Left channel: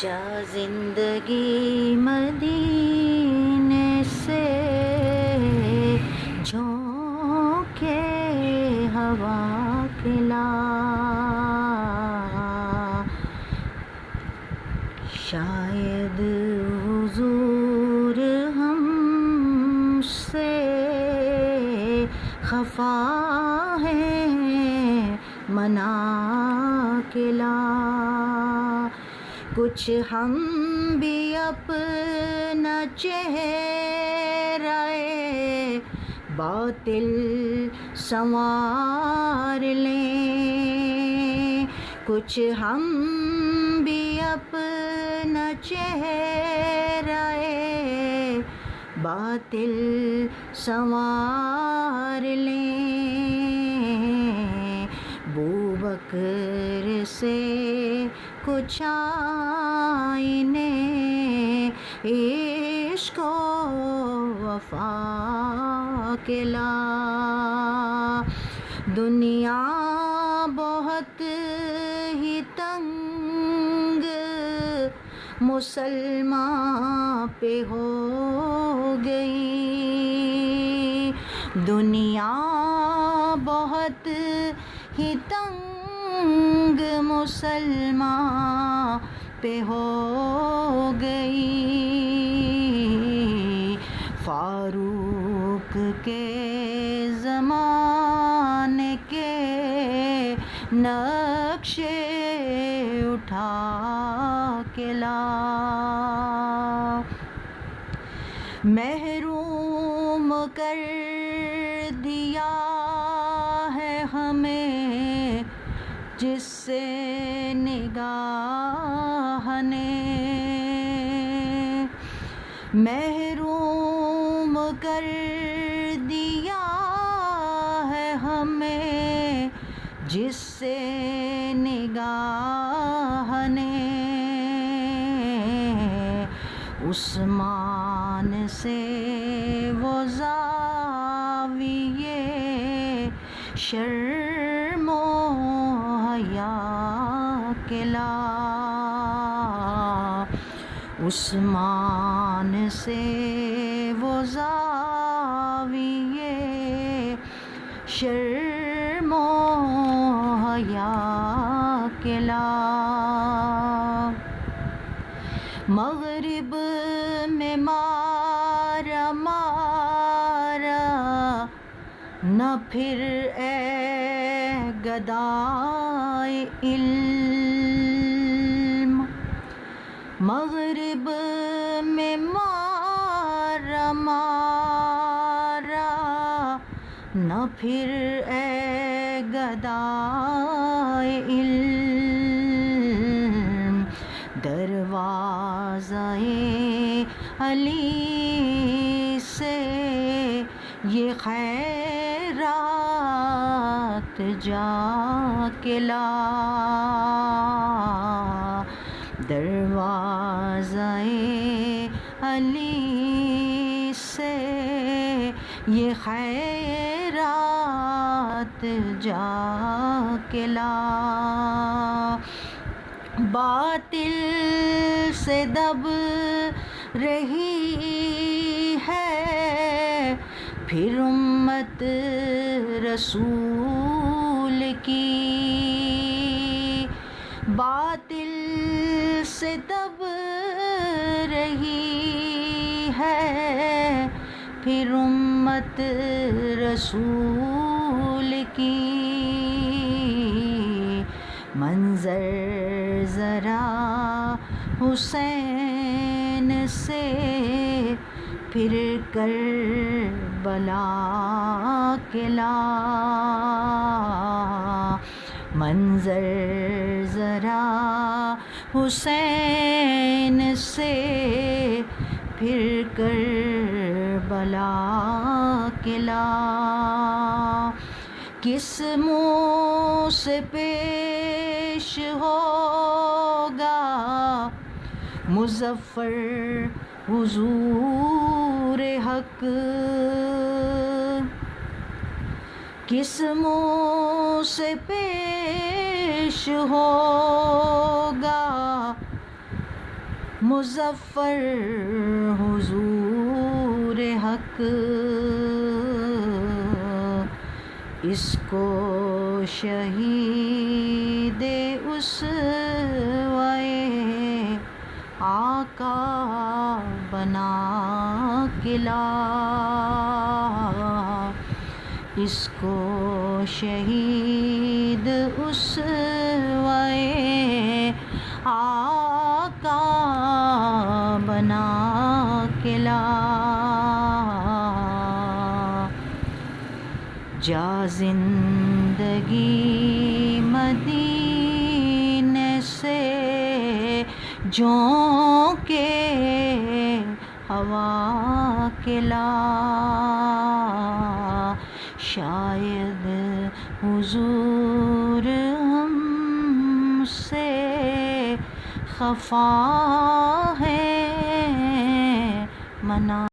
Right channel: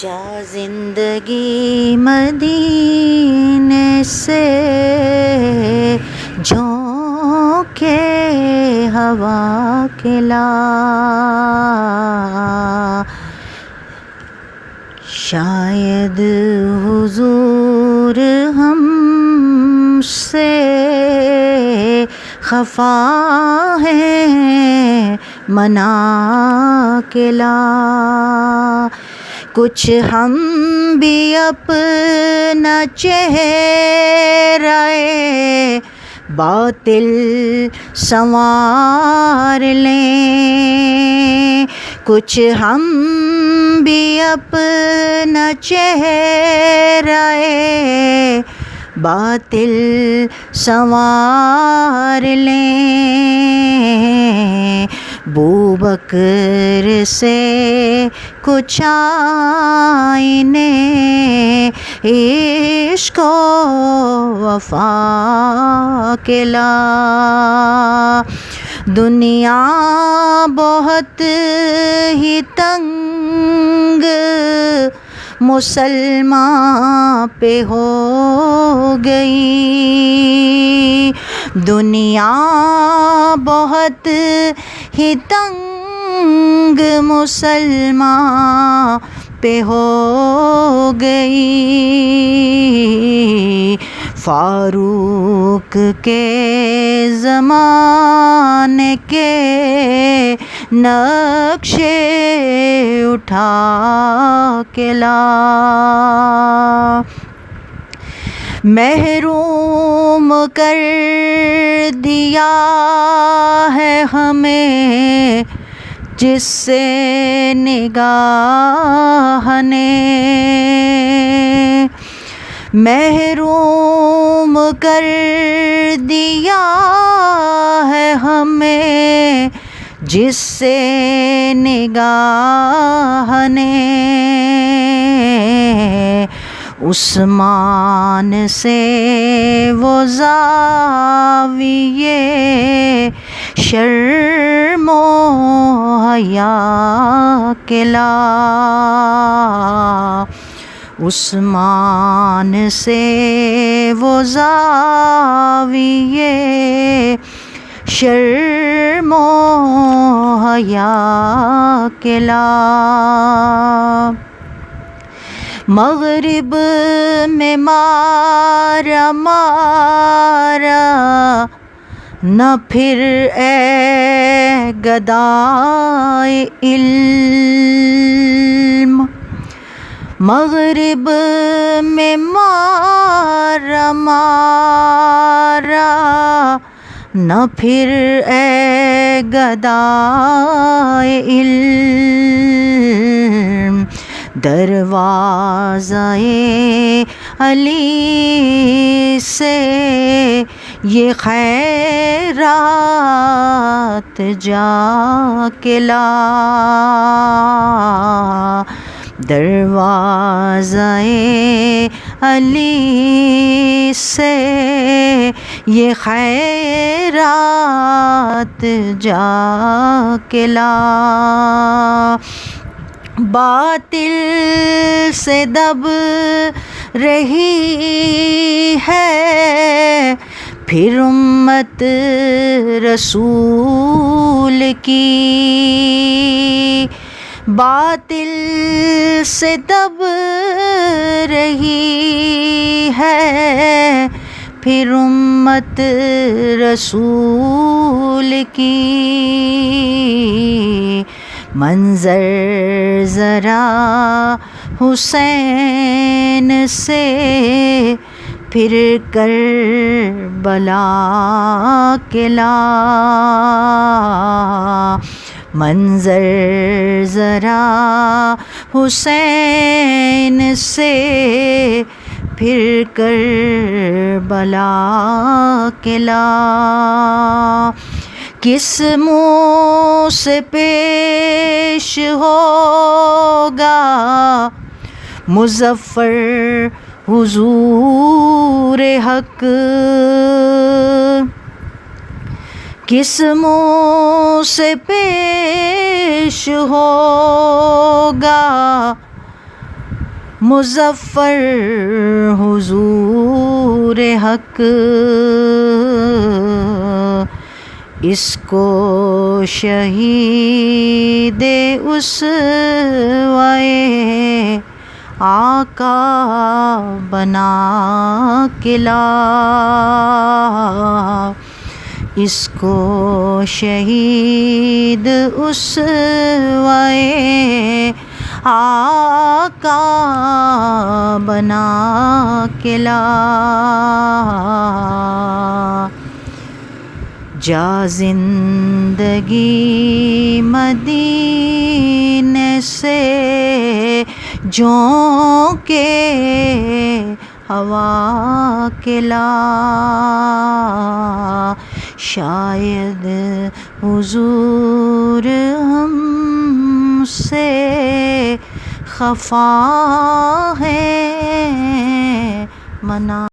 جا زندگی مدینے سے جھونکے ہوا کے لا، شاید حضور ہم سے خفا ہے منا کے لا، کچھ ہم بھی اپنا چہرہ باطل سنوار لیں، کچھ ہم بھی اپنا چہرہ باطل سنوار لیں، بوبکر سے کچھ آئینے عشق و وفا کے لا، دنیا بہت ہی تنگ مسلمان پہ ہو گئی، دنیا بہت ہی تنگ مسلمان پہ ہو گئی، فاروق کے زمانے کے نقشے اٹھا کے لا، محروم کر دیا ہے ہمیں جس سے نگاہ نے، محروم کر دیا ہے ہمیں جس سے نگاہ نے، عثمان سے وہ زاویے شرم و حیا کے لا، عثمان سے وہ زاویے شرم و حیا کے لا، مغرب میں مارا مارا نہ پھر اے گدائے علم، مغرب میں مارا مارا نہ پھر اے گدائے علم، دروازۂ علی سے یہ خیرات جا کے لا، دروازۂ علی سے یہ خیرات جا کے لا، باطل سے دب رہی ہے پھر امت رسول کی، باطل سے دب رہی ہے پھر امت رسول کی، منظر ذرا حسین سے پھر کربلا کے لا، منظر ذرا حسین سے پھر کربلا کے لا، کس منہ سے پیش ہوگا مظفر حضور حق، کس منہ سے پیش ہوگا مظفر حضور حق، اس کو شہید اسوۂ آقا بنا کے لا، اس کو شہید اسوۂ آقا بنا کے لا۔ جا زندگی مدینے سے جھونکے ہوا کے لا، شاید حضور ہم سے خفا ہے منا